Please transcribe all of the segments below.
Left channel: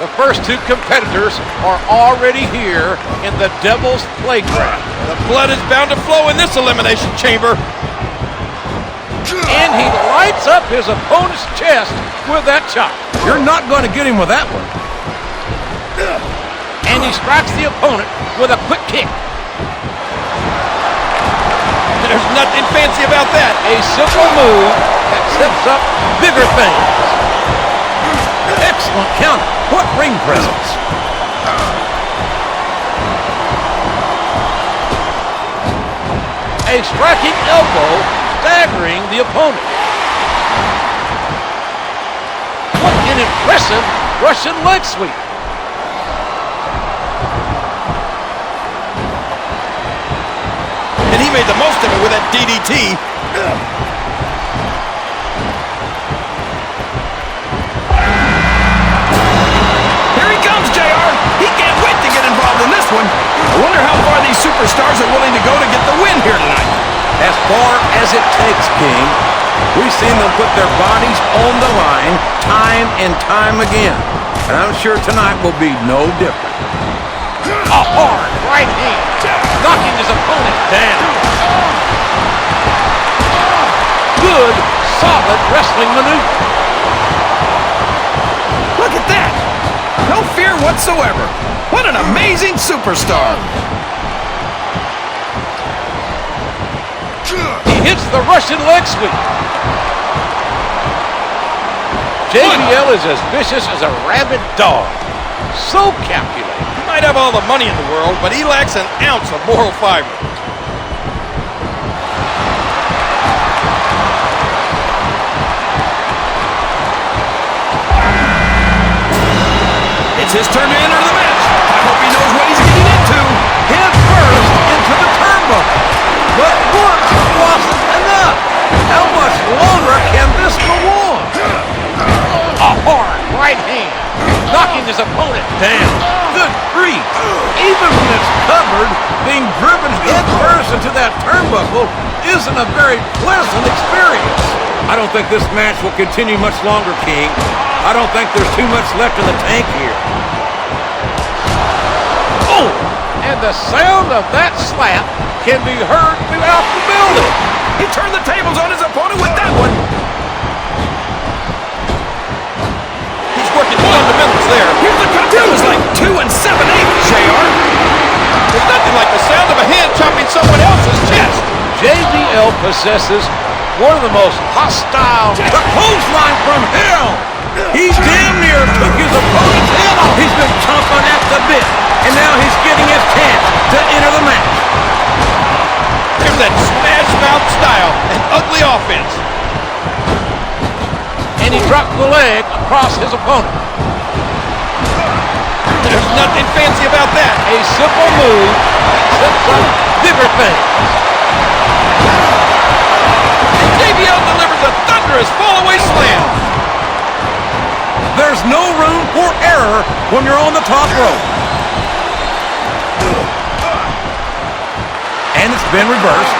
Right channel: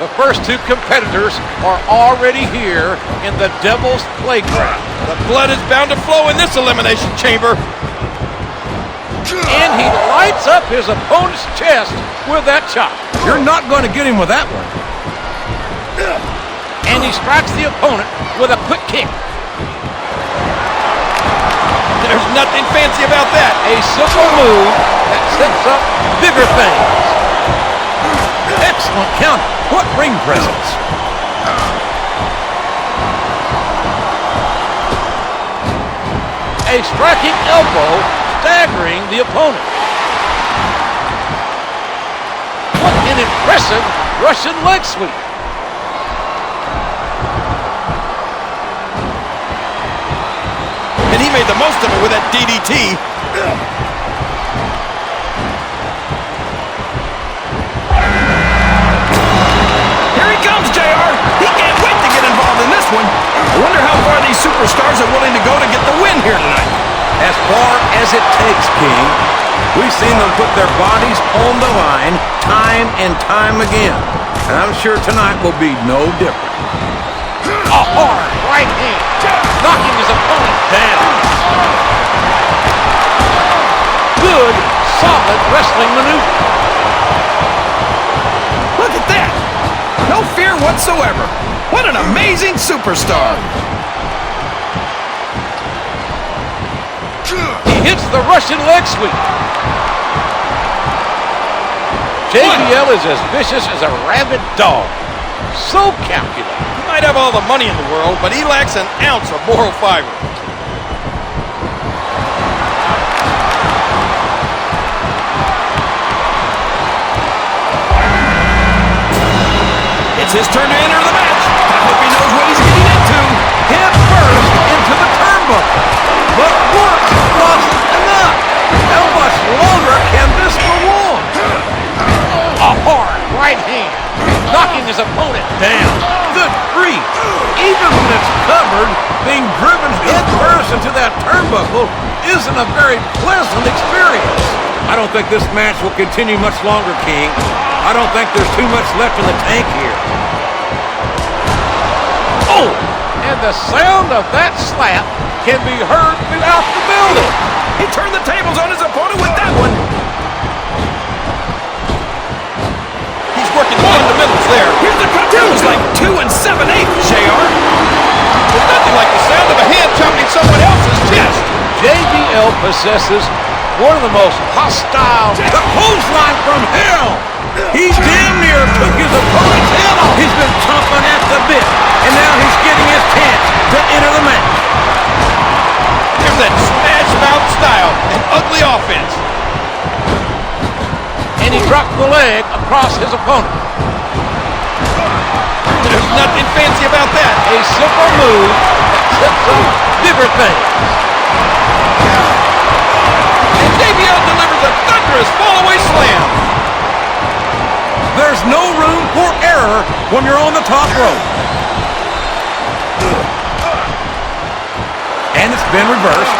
The first two competitors are already here in the Devil's Playground. The blood is bound to flow in this elimination chamber. And he lights up his opponent's chest with that chop. You're not going to get him with that one. And he strikes the opponent with a quick kick. There's nothing fancy about that. A simple move that sets up bigger things. Excellent counter. What ring presence. A striking elbow staggering the opponent. What an impressive Russian leg sweep. And he made the most of it with that DDT. Here he comes, JR. He can't wait to get involved in this one. I wonder how far these superstars are willing to go to get the win here tonight. As far as it takes, King. We've seen them put their bodies on the line time and time again. And I'm sure tonight will be no different. A hard right hand, knocking his opponent down. Good, solid wrestling maneuver. Look at that. No fear whatsoever. What an amazing superstar. He hits the Russian leg sweep. JBL is as vicious as a rabid dog. So calculated. He might have all the money in the world, but he lacks an ounce of moral fiber. It's his turn to enter the match. I hope he knows what he's getting into. Head first into the turnbuckle. But once wasn't enough. How much longer can this go on? A hard right hand, knocking his opponent down. Good grief. Even when it's covered, being driven head first into that turnbuckle isn't a very pleasant experience. I don't think this match will continue much longer, King. I don't think there's too much left in the tank here. Oh, and the sound of that slap can be heard throughout the building. He turned the tables on his opponent with that one. He's working the fundamentals there. Here's the cover. That was like 2 7/8, JR. There's nothing like the sound of a hand chopping someone else's chest. JBL possesses one of the most hostile. The clothesline from hell. He damn near took his opponent's head off. He's been chomping at the bit, and now he's getting his chance to enter the match. There's that smash mouth style and ugly offense. And he dropped the leg across his opponent. There's nothing fancy about that. A simple move that sets up bigger things. And JBL delivers a thunderous fall-away slam. There's no room for error when you're on the top rope. And it's been reversed.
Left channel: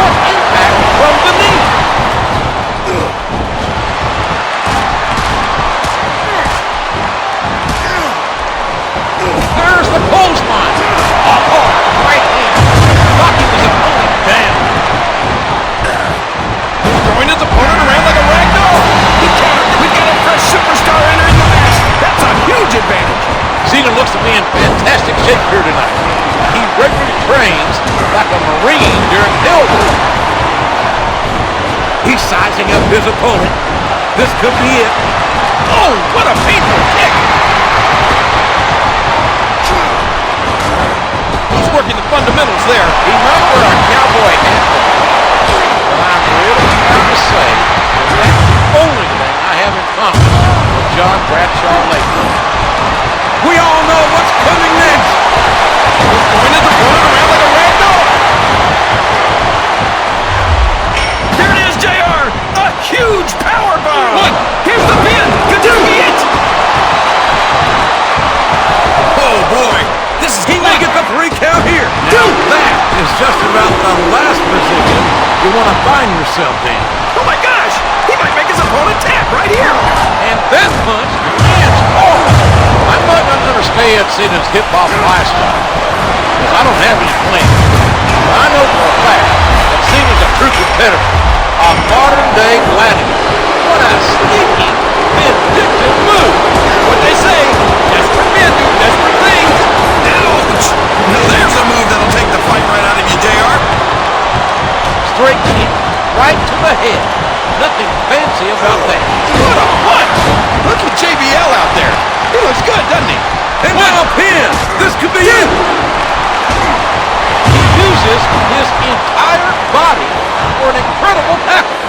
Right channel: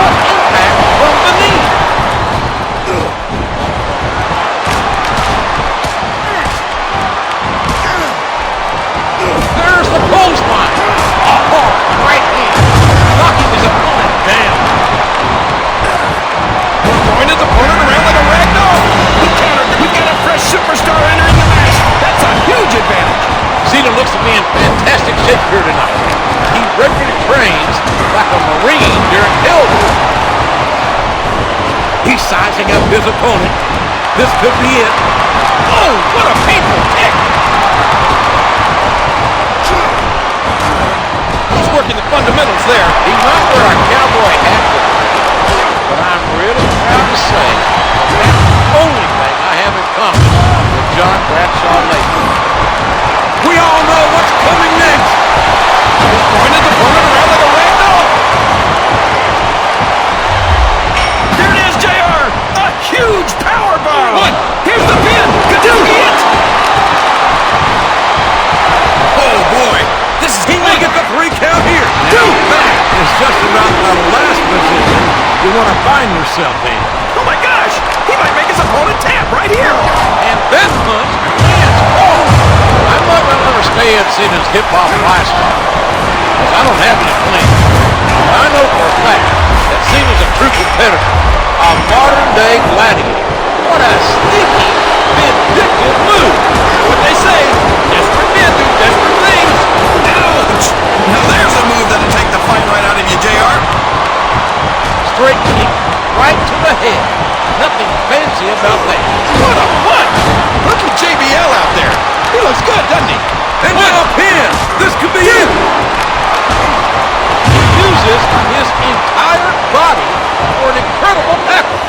What impact from beneath? There's the clothesline. A hard right hand, knocking his opponent down. Throwing his opponent around like a rag doll. He countered. We've got a fresh superstar entering the match. That's a huge advantage. Cena looks to be in fantastic shape here tonight. He regularly trains like a Marine during Hell Week. He's sizing up his opponent. This could be it. Oh, what a painful kick. He's working the fundamentals there. He might wear a cowboy hat for the win, but I'm really proud to say that that's the only thing I have in common with John Bradshaw lately. We all know what's coming next. He's throwing his opponent around like a rag doll. There it is, JR. A huge power bomb. One. Here's the pin. Could this be it? Oh, boy. He may get the 3 count here. Now, that is just about the last position you want to find yourself in. Oh, my gosh. He might make his opponent tap right here. And that punch lands hard. I might not understand Cena's hip-hop lifestyle, because I don't have any plans. But I know for a fact that Cena's a true competitor, a modern-day gladiator. What a sneaky, vindictive move. You know what they say, desperate men do desperate things. Ouch! Now there's a move that'll take the fight right out of you, JR. Straight kick, right to the head. Nothing fancy about that. What a punch! Look at JBL out there. He looks good, doesn't he? And now a pin. This could be it. He uses his entire body for an incredible tackle.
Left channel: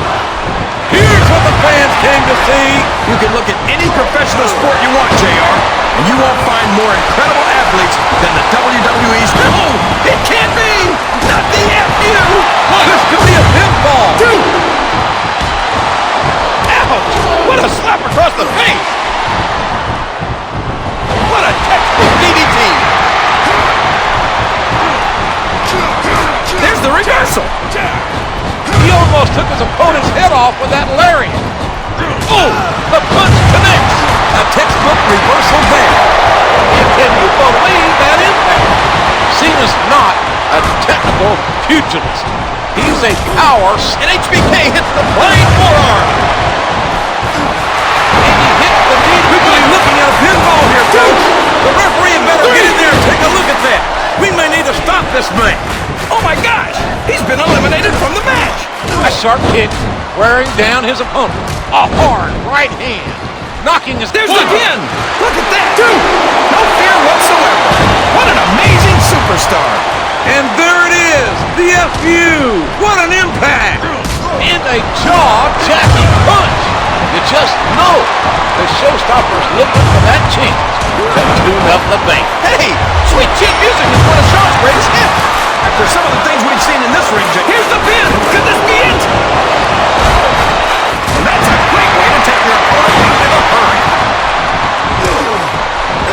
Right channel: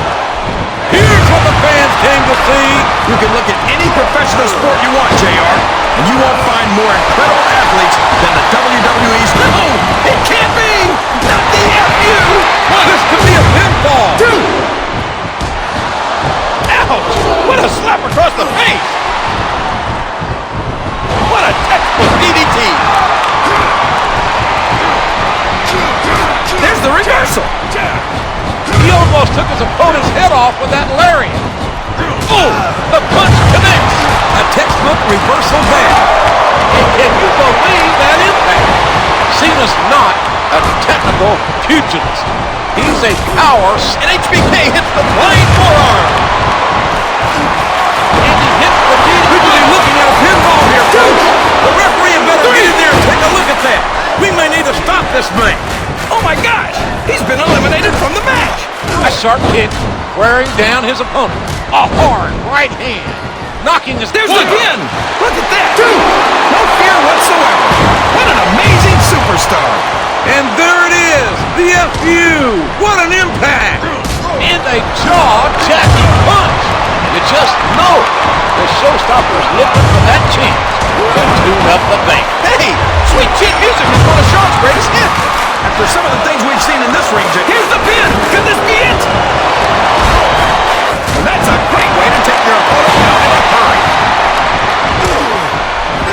Here's what the fans came to see. You can look at any professional sport you want, JR, and you won't find more incredible athletes than the WWE's. No, it can't be! Not the FU! This could be a pinfall. Two! Ouch! What a slap across the face! What a textbook DDT! There's the reversal! He almost took his opponent's head off with that lariat. Oh, the punch connects. A textbook reversal there. And can you believe that impact? Cena's not a technical pugilist. He's a power. And HBK hits the flying forearm. And he hits the DDT. We could be looking at a pinfall here, folks. The referee had better get in there and take a look at that. We may need to stop this man. Oh my gosh! He's been eliminated from the match! A sharp kick wearing down his opponent. A hard right hand. Knocking his... There's the pin! Look at that! Dude! No fear whatsoever. What an amazing superstar! And there it is, the FU. What an impact! And a jaw-jacking punch. You just know the showstopper's looking for that chance to tune up the band. Hey! Sweet Chin Music is one of Sean's greatest hits! After some of the things we've seen in this ring, here's the pin! Could this be it? And that's a great way to take your opponent out in a hurry.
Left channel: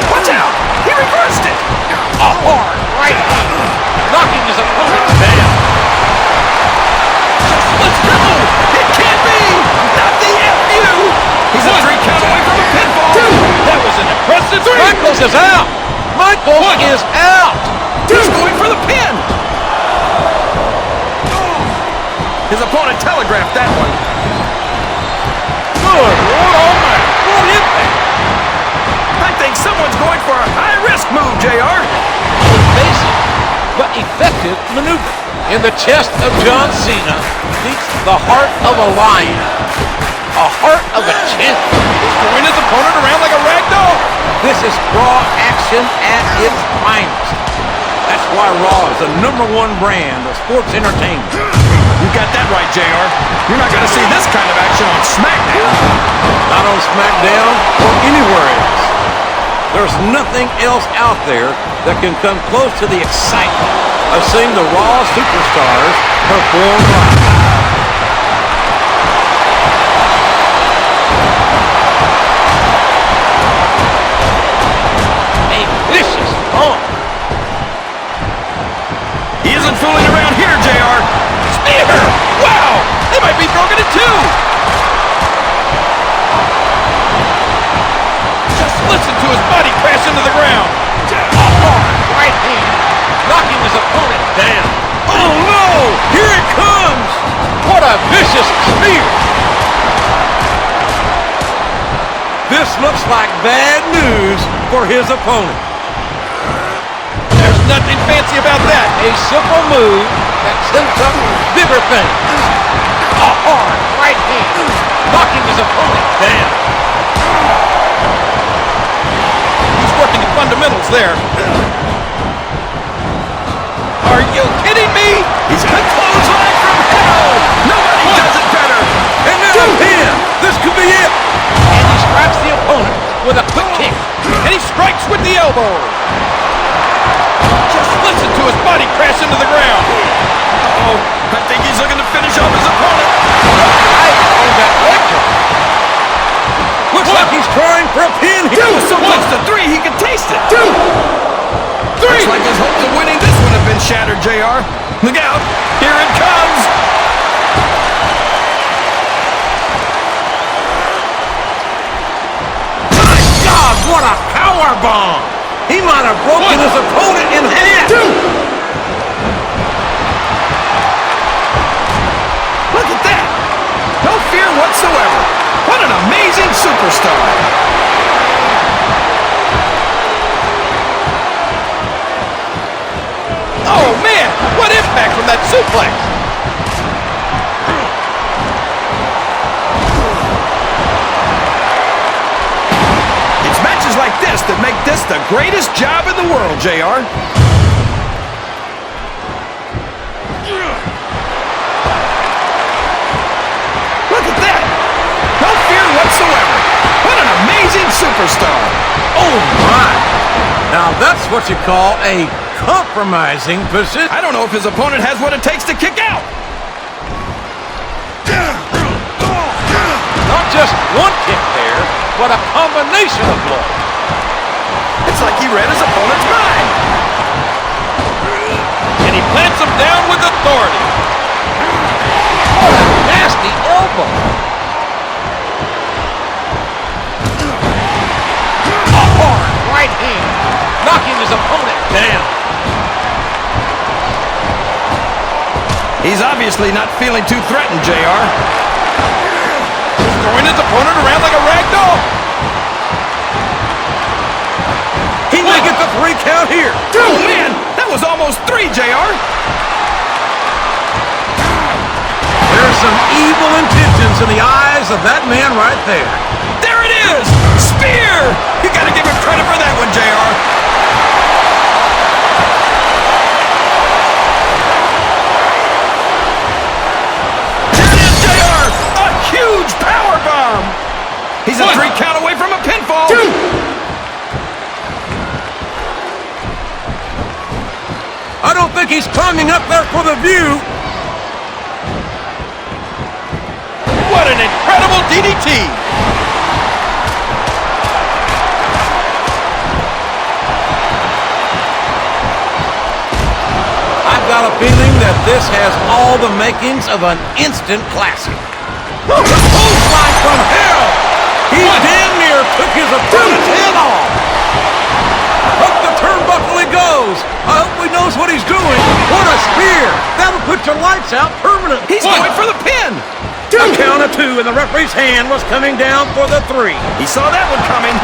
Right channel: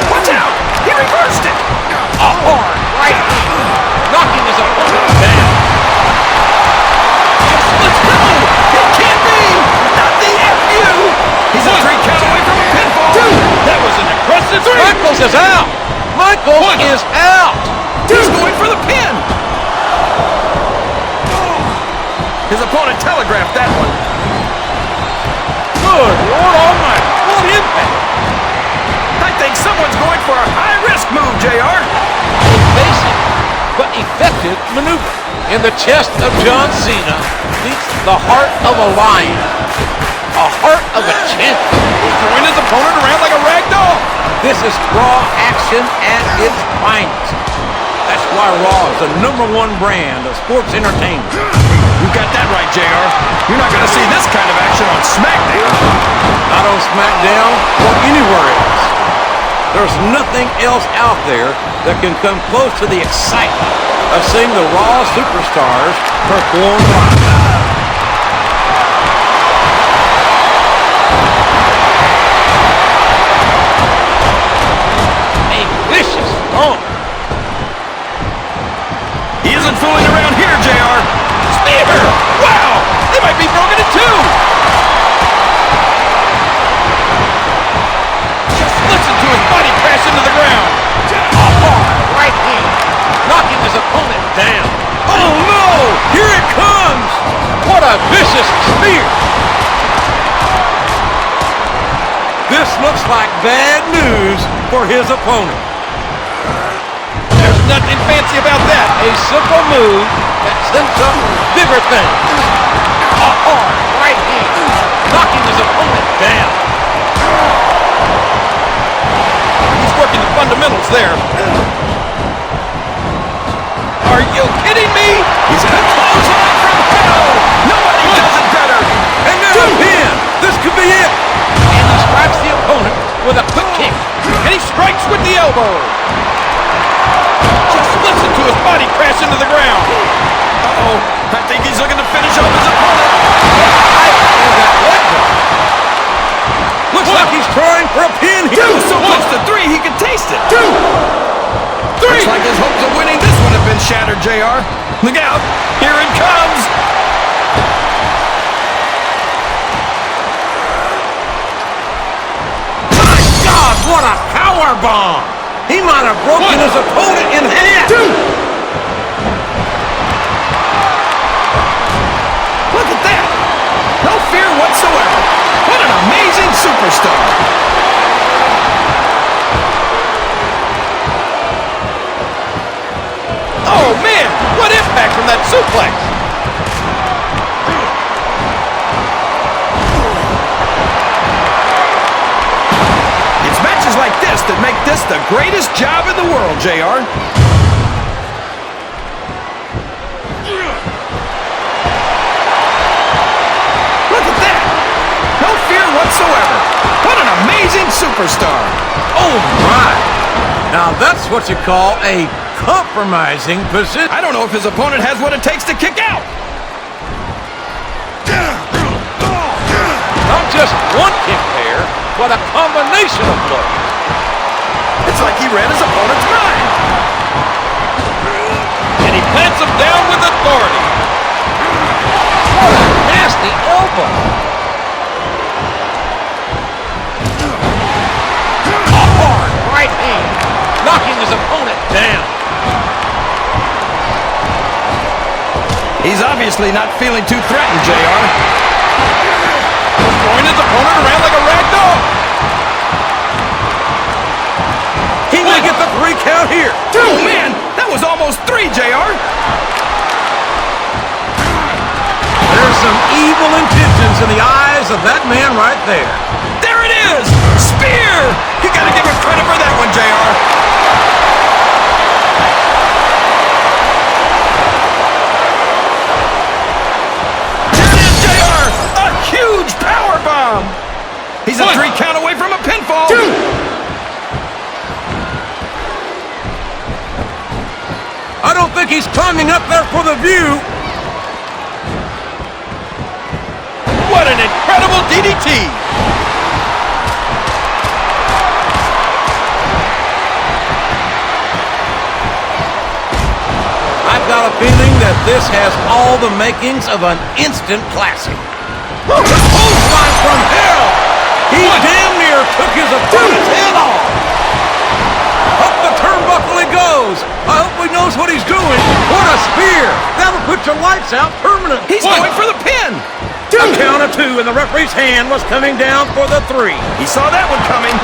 Watch out! He reversed it! A hard right hand, knocking his opponent down. Just let's go! It can't be! Not the FU! He's a 3 count away from a pinfall! That was an impressive 3! Michaels is out! Michaels is out! He's going for the pin! His opponent telegraphed that one. Good Lord Almighty, what impact! I think someone's going for a high-risk move, JR. A basic but effective maneuver. In the chest of John Cena beats the heart of a lion. A heart of a champion. He's throwing his opponent around like a rag doll. This is Raw action at its finest. That's why Raw is the #1 brand of sports entertainment. You got that right, JR. You're not going to see this kind of action on SmackDown. Not on SmackDown or anywhere else. There's nothing else out there that can come close to the excitement of seeing the Raw superstars perform live. A vicious stomp. He isn't fooling around here, JR. Spear! Wow! They might be broken in two! Just listen to his body crash into the ground. A hard right hand, knocking his opponent down. Oh no! Here it comes! What a vicious spear! This looks like bad news for his opponent. There's nothing fancy about that. A simple move that sets up bigger things. A hard right hand, knocking his opponent down. He's working the fundamentals there. Are you kidding me? He's got a clothesline from hell. Nobody does it better. And now a pin. This could be it. And he strikes the opponent with a quick kick. And he strikes with the elbow. Just listen to his body crash into the ground. Uh-oh. I think he's looking to finish off his opponent. Right on that leg drop. Looks like he's trying for a pin here. That was so close to 3, he could taste it. 2, 3. Looks like his hopes of winning this one have been shattered, JR. Look out. Here it comes. bomb. He might have broken his opponent in half. Look at that. No fear whatsoever. What an amazing superstar. Oh, man. What impact from that suplex. It's matches like this that make this the greatest job in the world, JR. Look at that! No fear whatsoever. What an amazing superstar. Oh, my. Now, that's what you call a compromising position. I don't know if his opponent has what it takes to kick out. Not just one kick there, but a combination of blows. It's like he read his opponent's mind. And he plants him down with authority. What a nasty elbow. A hard right hand, knocking his opponent down. He's obviously not feeling too threatened, JR. Throwing his opponent around like a rag doll. He may get the 3 count here. Oh, man, that was almost 3, JR. There's some evil intentions in the eyes of that man right there. There it is! Spear! You gotta give him credit for that one, JR. There it is, JR! A huge power bomb! He's a 3 count away from a pinfall. 2. I don't think he's climbing up there for the view. What an incredible DDT! I've got a feeling that this has all the makings of an instant classic. Clothesline from hell! He damn near took his opponent's head off. Up the turnbuckle he goes. I hope he knows what he's doing. What a spear! That'll put your lights out permanently. He's going for the pin! A count of 2, and the referee's hand was coming down for the 3. He saw that one coming.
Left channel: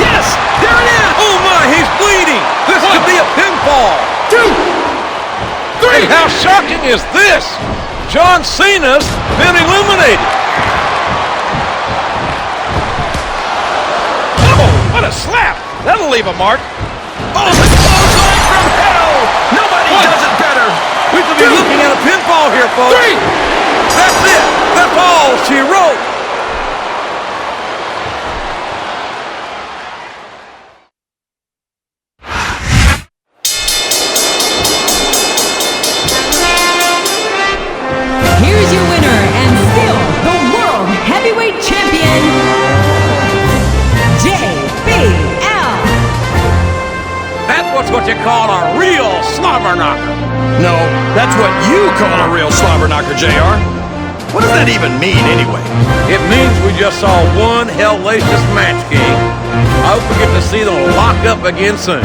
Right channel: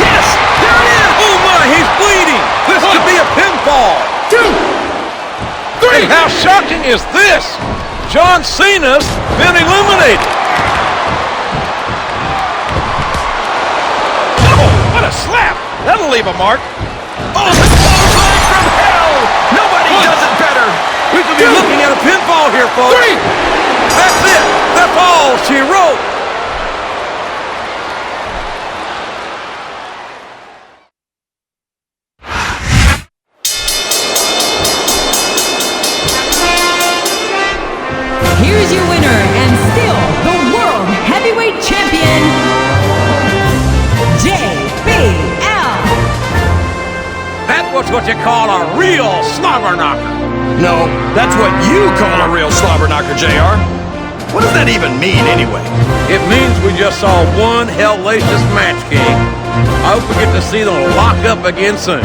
Yes! There it is! Oh my, he's bleeding! This could be a pinfall! 2, 3! And how shocking is this? John Cena's been eliminated. Oh, what a slap! That'll leave a mark. Oh, the clothesline from hell! Nobody does it better! We could be looking at a pinfall here, folks. 3! That's it! That's all she wrote! Here's your winner and still the World Heavyweight Champion, JBL. That was what you call a real slobber knocker. No, that's what you call a real slobber knocker, JR. What does that even mean, anyway? It means we just saw one hellacious match, King. I hope we get to see them lock up again soon.